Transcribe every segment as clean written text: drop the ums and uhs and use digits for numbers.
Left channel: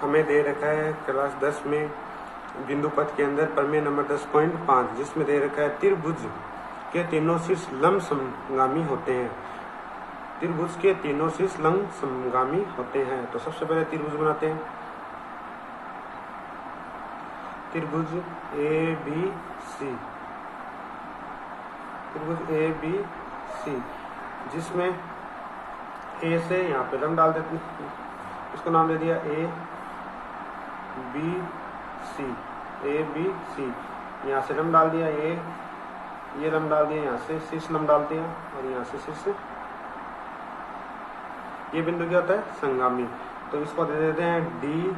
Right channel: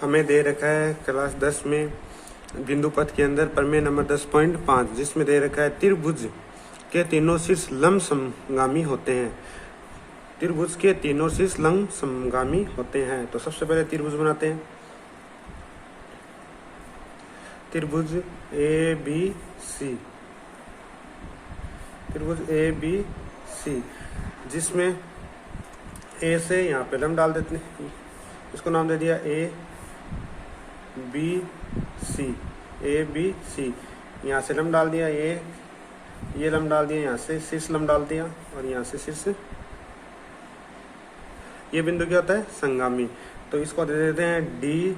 हमें दे रखा है क्लास 10 में बिंदु पथ के अंदर प्रमेय नंबर 10.5, जिसमें दे रखा है त्रिभुज के तीनों शीर्ष लंब समगामी होते हैं। त्रिभुज के तीनों शीर्ष लंब समगामी होते हैं। तो सबसे पहले त्रिभुज बनाते हैं। त्रिभुज ए बी सी, त्रिभुज ए बी सी, जिसमें ए से यहाँ पे लंब डाल देते हैं, उसको नाम दे दिया A B C. A B C, यहाँ से लंब डाल दिया, ये लंब डाल दिया, यहाँ से शीर्ष लंब डाल दिया और यहाँ से शीर्ष। ये बिंदु क्या होता है? संगामी। तो इसको दे देते हैं D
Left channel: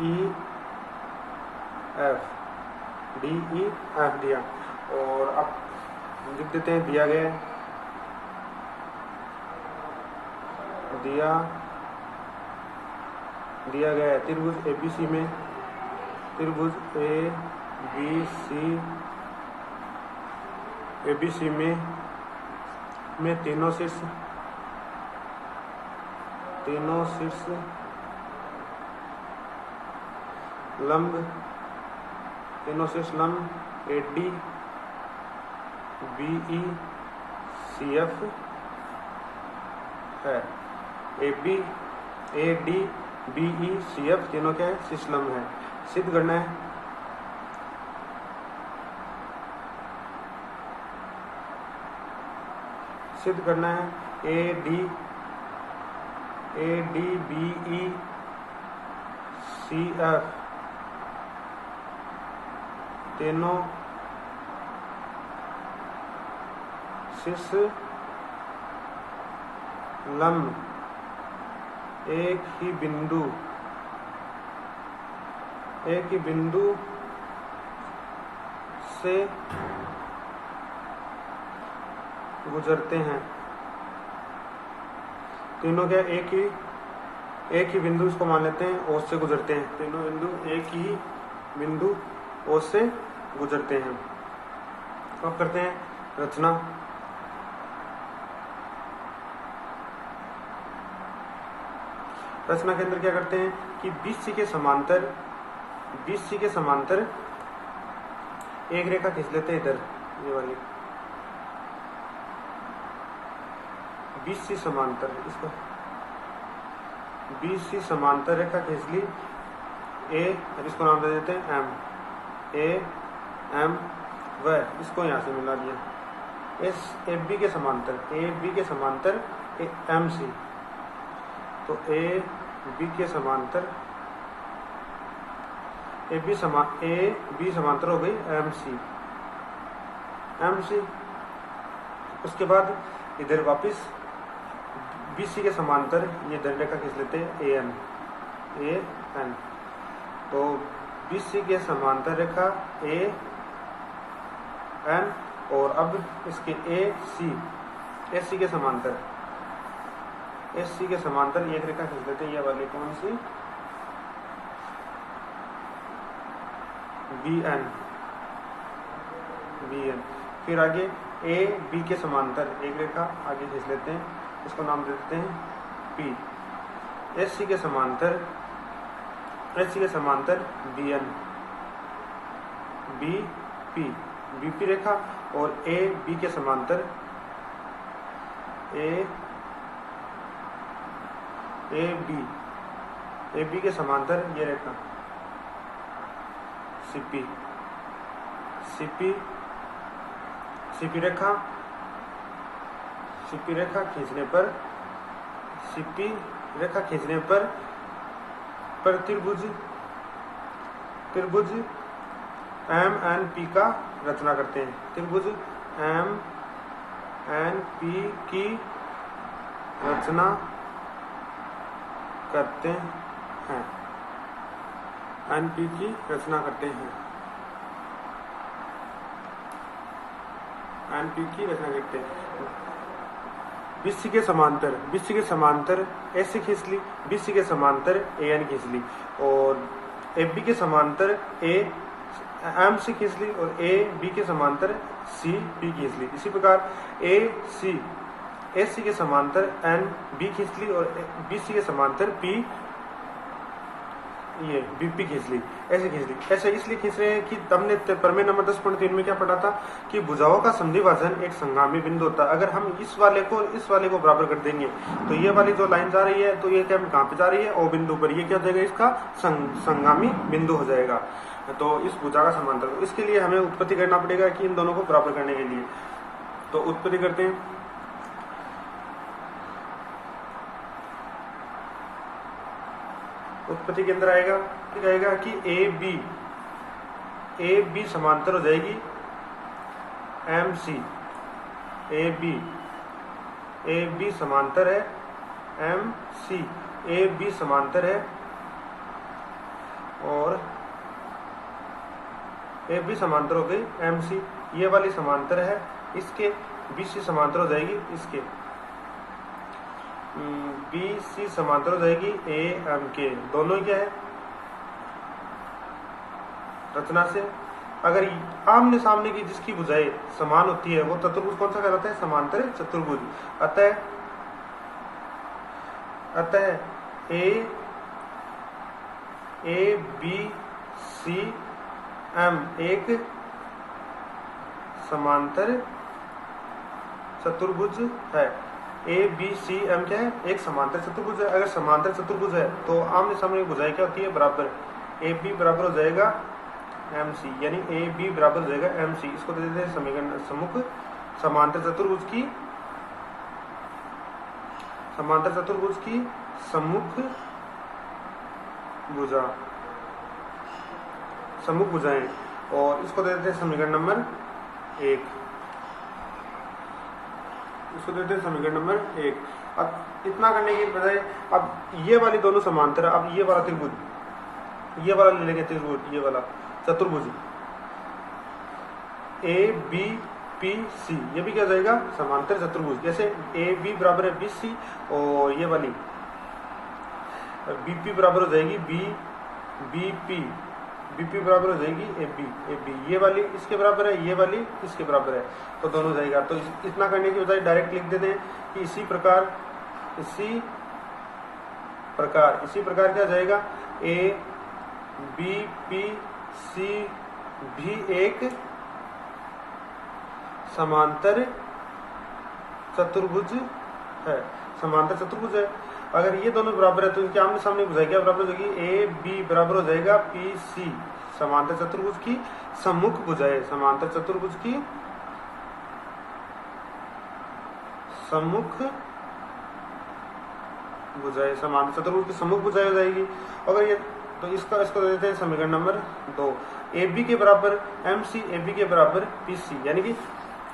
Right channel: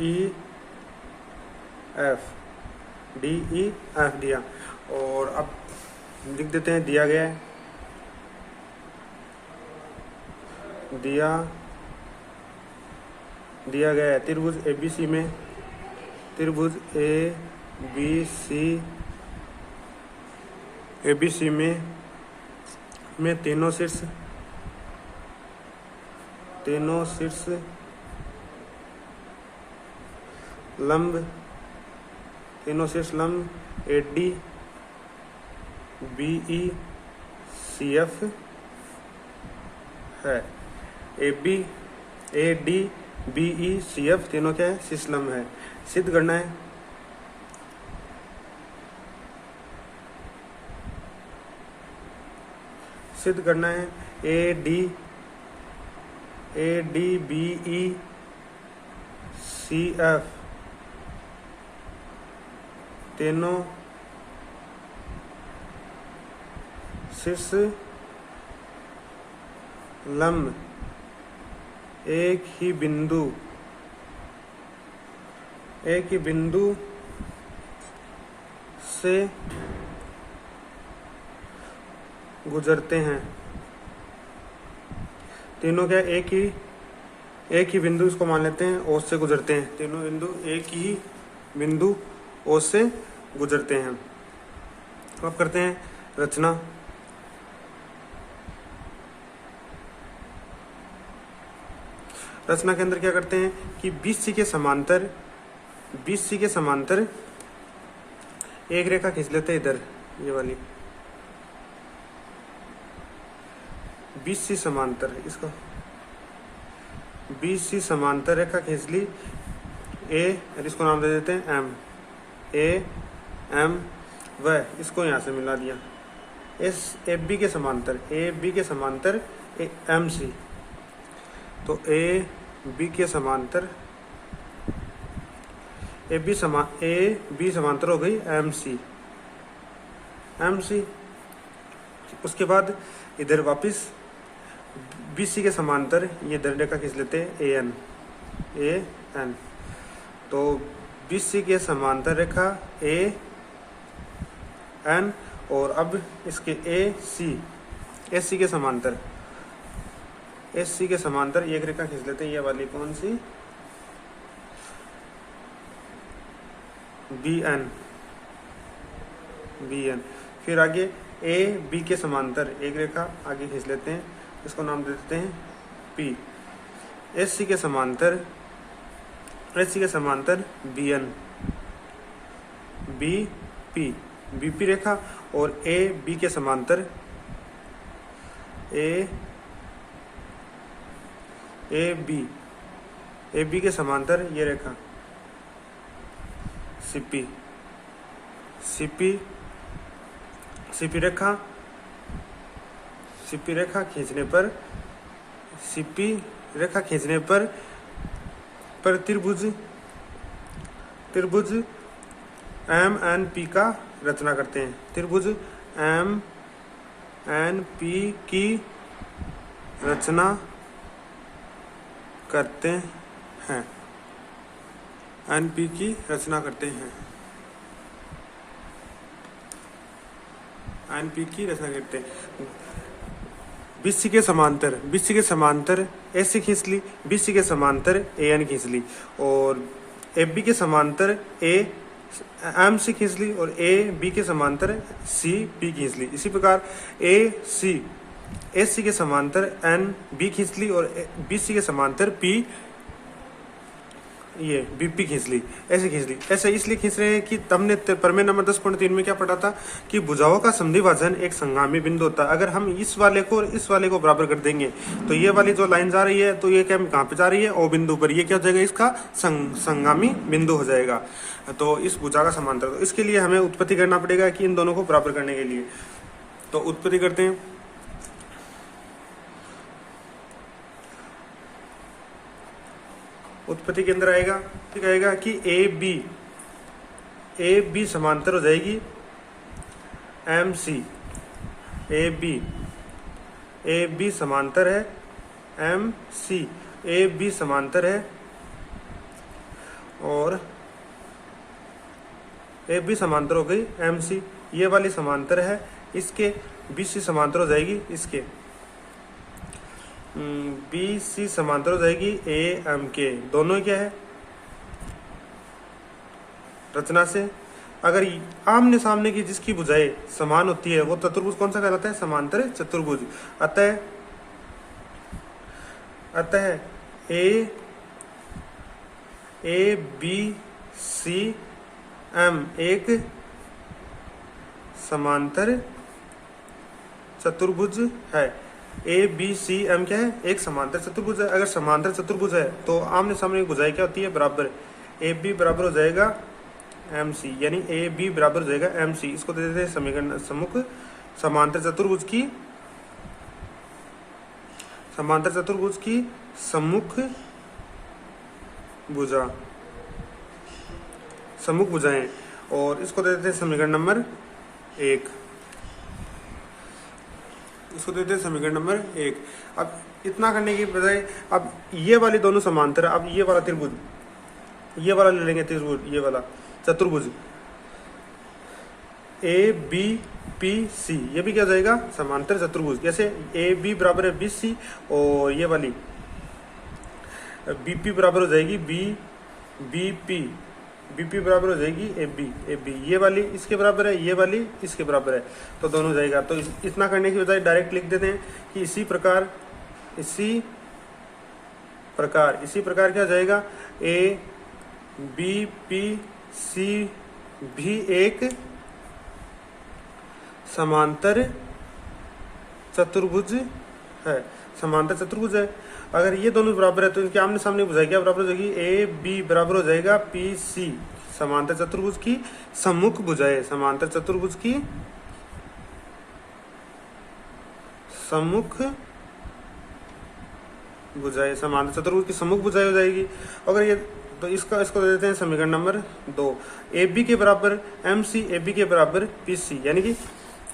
E F, D E F दिया। और अब लिख देते हैं दिया गया है, दिया गया है त्रिभुज ए बी सी में, त्रिभुज ए बी सी में तीनों शीर्ष लंब A D B E C F है। A D B E C F तीनों क्या है? शीर्ष लंब है। सिद्ध करना है, A D B E C F तीनों शीर्ष लंब एक ही बिंदु से गुजरते हैं। तीनों क्या? एक ही बिंदु, इसको मान लेते हैं, ओस से गुजरते हैं। तीनों बिंदु एक ही बिंदु ओस से गुजरते हैं। अब करते हैं रचना। रचना के अंदर क्या करते हैं कि BC के समांतर एक रेखा खींच लेते हैं, इधर ये वाली BC समांतर, इसको BC समांतर रेखा खींच ली A, और इसको नाम दे देते हैं M, AM व इसको यहाँ से मिला दिया। AB के समांतर MC, तो AB समांतर हो गई MC। उसके बाद इधर वापस BC के समांतर ये रेखा खींच लेते हैं AN। तो BC के समांतर रेखा AN, और अब इसके AC के समांतर एक रेखा खींच लेते हैं, ये वाली कौन सी? BN। फिर आगे AB के समांतर एक रेखा आगे खींच लेते हैं, इसको नाम दे देते हैं P। AC के समांतर BN, BP रेखा, और AB के समांतर AB के समांतर ये रेखा CP रेखा खींचने पर त्रिभुज MNP का रचना करते हैं। त्रिभुज MNP की रचना करते हैं। NP की रचना करते हैं। BC के समांतर AC खींच ली, BC के समांतर AN खींच ली, और AB के समांतर MC खींच ली, और AB के समांतर CP खींच ली। इसी प्रकार AC के समांतर NB खींच ली, और BC के समांतर ये बीपी खींच ली, ऐसे खींच ली। ऐसे इसलिए खींच रहे हैं कि हमने प्रमेय नंबर 10.3 में क्या पढ़ा था कि भुजाओं का संधिभाजन एक संगामी बिंदु होता है। अगर हम इस वाले को और इस वाले को बराबर कर देंगे तो ये वाली जो लाइन जा रही है तो ये क्या कहाँ पे जा रही है, ओ बिंदु पर। ये क्या हो जाएगा, इसका संगामी बिंदु हो जाएगा, तो इस भुजा का समांतर। तो इसके लिए हमें उत्पत्ति करना पड़ेगा कि इन दोनों को बराबर करने के लिए। तो उत्पत्ति करते हैं। उत्पत्ति के अंदर आएगा, ठीक आएगा कि ए बी समांतर हो जाएगी एम सी। ए बी समांतर है एम सी, ए बी समांतर है और ए बी समांतर हो गई एम सी। ये वाली समांतर है इसके, बी सी समांतर हो जाएगी इसके, बी सी समांतर हो जाएगी ए एम के। दोनों क्या है रचना से। अगर आमने सामने की जिसकी भुजाएं समान होती है वो चतुर्भुज कौन सा कहलाता है, समांतर चतुर्भुज। अतः ए बी सी एम एक समांतर चतुर्भुज है। ए बी सी एम क्या है, एक समांतर चतुर्भुज है। अगर समांतर चतुर्भुज है तो आमने सामने भुजाएं क्या होती है, बराबर। ए बी बराबर हो जाएगा एम सी, यानी ए बी बराबर हो जाएगा एम सी। इसको दे देते हैं समीकरण सम्मुख समांतर चतुर्भुज की सम्मुख भुजा, सम्मुख भुजाएं, और इसको दे देते हैं समीकरण नंबर 1। इसको देते हैं समीकरण नंबर 1। अब इतना करने की बजाय अब ये वाली दोनों समांतर, अब ये वाला त्रिभुज, ये वाला ले लेंगे त्रिभुज, ये वाला चतुर्भुज ए बी पी सी, ये भी क्या जाएगा समांतर चतुर्भुज। जैसे ए बी बराबर है बी सी और ये वाली बी पी बराबर हो जाएगी बी पी बराबर हो जाएगी ए बी। ये वाली इसके बराबर है, ये वाली इसके बराबर है, तो दोनों जाएगा। तो इतना करने की बजाय डायरेक्ट लिख देते हैं कि इसी प्रकार क्या जाएगा, ए बी पी सी भी एक समांतर चतुर्भुज है, समांतर चतुर्भुज है। अगर ये दोनों बराबर है तो इनके आमने सामने भुजाएं क्या बराबर हो जाएगी, ए बी बराबर हो जाएगा पी सी, समांतर चतुर्भुज की सम्मुख भुजाएं, समांतर चतुर्भुज की सम्मुख भुजाएं, समांतर चतुर्भुज की सम्मुख भुजाएं हो जाएगी। अगर ये तो इसको देते हैं समीकरण नंबर 2। ए बी के बराबर एम सी, ए बी के बराबर पी सी, यानी कि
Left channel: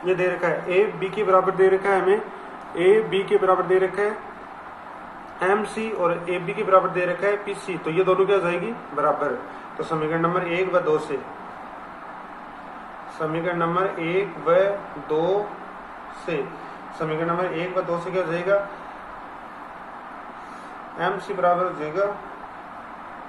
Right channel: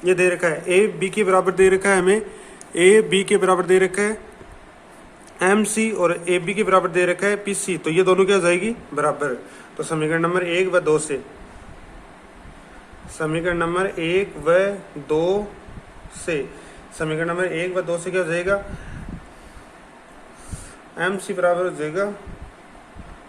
ये दे रखा है ए बी के बराबर दे रखा है हमें, ए बी के बराबर दे रखा है एम सी और ए बी के बराबर दे रखा है पी सी, तो ये दोनों क्या हो जाएगी बराबर। तो समीकरण नंबर 1 व 2 से, समीकरण नंबर 1 व 2 से, समीकरण नंबर 1 व 2 से क्या हो जाएगा, एम सी बराबर हो जाएगा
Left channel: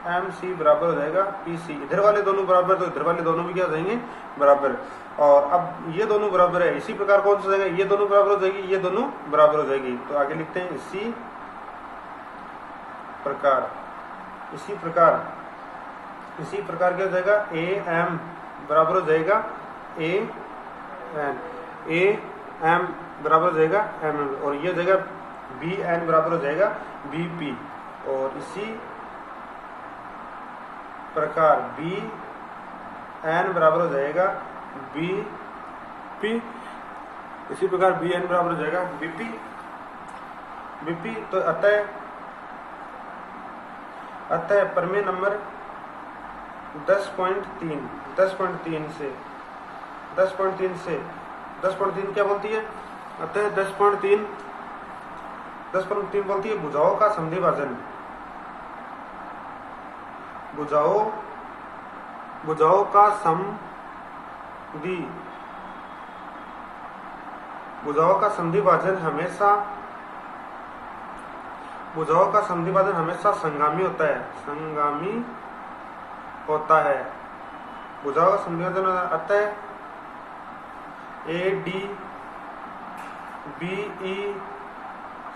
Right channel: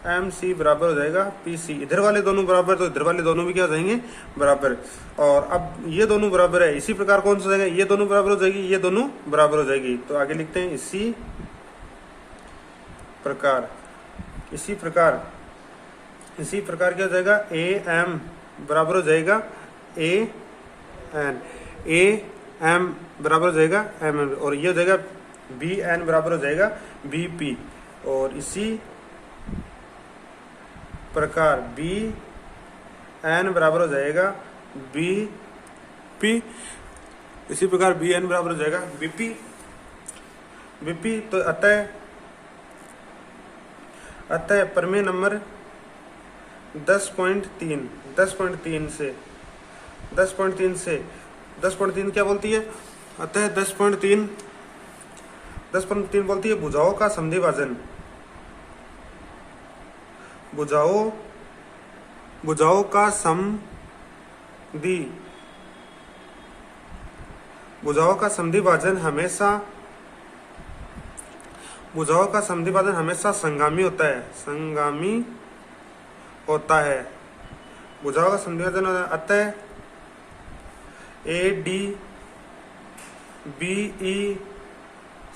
एम सी बराबर हो जाएगा पी सी। इधर वाले दोनों बराबर तो इधर वाले दोनों भी क्या हो जाएंगे बराबर। और अब ये दोनों बराबर है, इसी प्रकार कौन सा हो जाएगा, ये दोनों बराबर हो जाएगी, ये दोनों बराबर हो जाएगी। तो आगे लिखते हैं इसी प्रकार क्या हो जाएगा, ए एम बराबर हो जाएगा ए एम बराबर हो जाएगा एम एन, और ये हो जाएगा बी एन बराबर हो जाएगा बी पी। और इसी प्रकार बी एन बराबर हो जाएगा बी पी, इसी प्रकार बी एन बराबर हो जाएगा बी पी। तो अतः प्रमेय नंबर 10.3 से 10.3 क्या बोलती है, अतः 10.3 बोलती है भुजाओं का संधिभाजन, भुजाओं का संधिभाजन हमेशा संगामी होता है, भुजाओं का संधिभाजन। अतः a D B E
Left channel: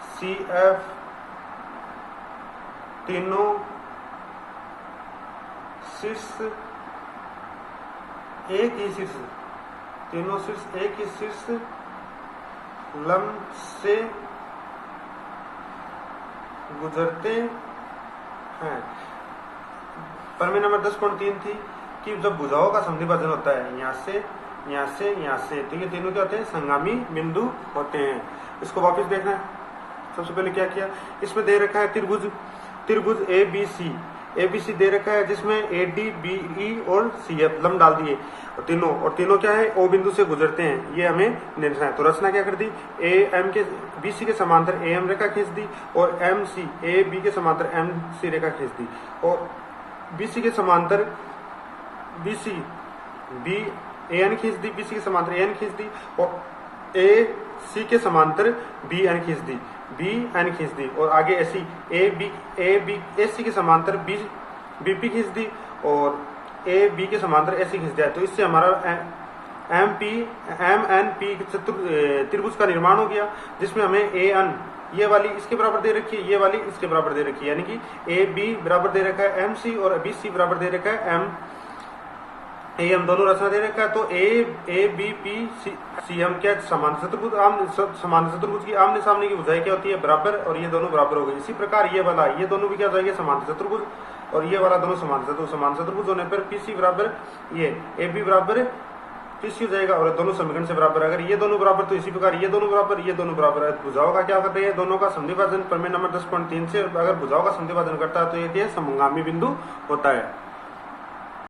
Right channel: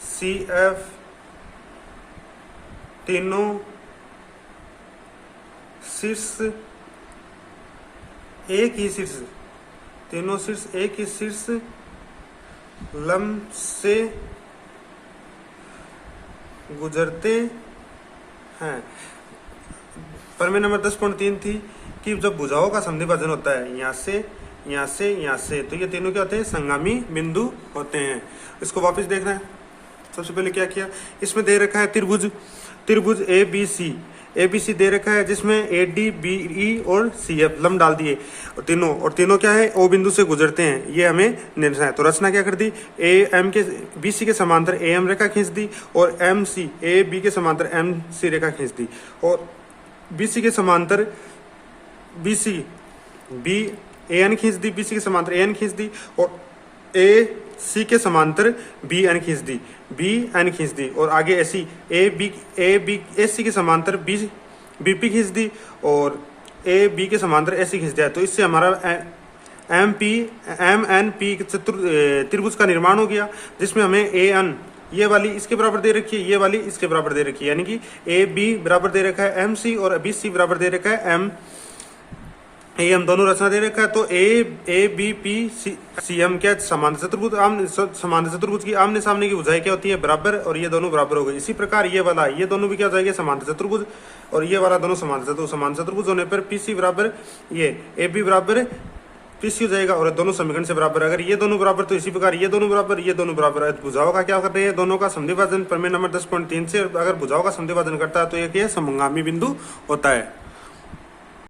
C F तीनों शीर्ष एक ही शीर्ष, तीनों शीर्ष एक ही शीर्ष लंब से गुजरते हैं। प्रमेय नंबर 10.3 थी कि जब भुजाओं का संधिभाजन होता है यहाँ से यहाँ से यहाँ से, तो ये तीनों क्या होते हैं, संगामी बिंदु होते हैं। इसको वापस देखना है। सबसे पहले क्या किया, इसमें दे रखा है त्रिभुज, त्रिभुज ए बी सी दे रखा है, जिसमें ए डी बी ई और सी एफ लंब डाल दिए और तीनों क्या है, ओ बिंदु से गुजरते हैं, ये हमें निर्णय है। तो रचना क्या कर दी, ए एम के बी सी के समांतर ए एम रेखा खींच दी और एम सी ए बी के समांतर एम सी रेखा खींच दी और बी सी के समांतर B C B A N खींच दी, बी सी के समांतर ए एन खींच दी और ए सी के समांतर बी एन खींच दी, बी एन खींच दी और आगे ऐसी ए सी के समांतर बी पी खींच दी और ए बी के समांतर ऐसे खींच दिया। तो इससे हमारा एम एन पी त्रिभुज का निर्माण हो गया, जिसमें हमें ए एन ये वाली इसके बराबर दे रखी है, ये वाली इसके बराबर दे रखी है, यानी कि ए बी बराबर दे रखा है एम सी और बी सी बराबर दे रखा है एम ए एम, दोनों रचना दे रखा है। तो a b p c m क्या, समांतर चतुर्भुज की आमने सामने की भुजाएं क्या होती है, बराबर, और ये दोनों बराबर हो गए। इसी प्रकार ये वाला ये दोनों भी क्या हो जाएंगे, समांतर चतुर्भुज, और ये वाला दोनों समांतर चतुर्भुज होने पर पी सी बराबर ये ए बी बराबर पी सी हो जाएगा और दोनों समीकरण से बराबर। अगर ये दोनों बराबर तो इसी प्रकार ये दोनों बराबर है। भुजाओं का क्या कर रहे हैं, दोनों का संधिभाजन प्रमेय नंबर 10.3 से अगर भुजाओं का संधिभाजन करता है तो ये क्या, समगामी बिंदु होता है।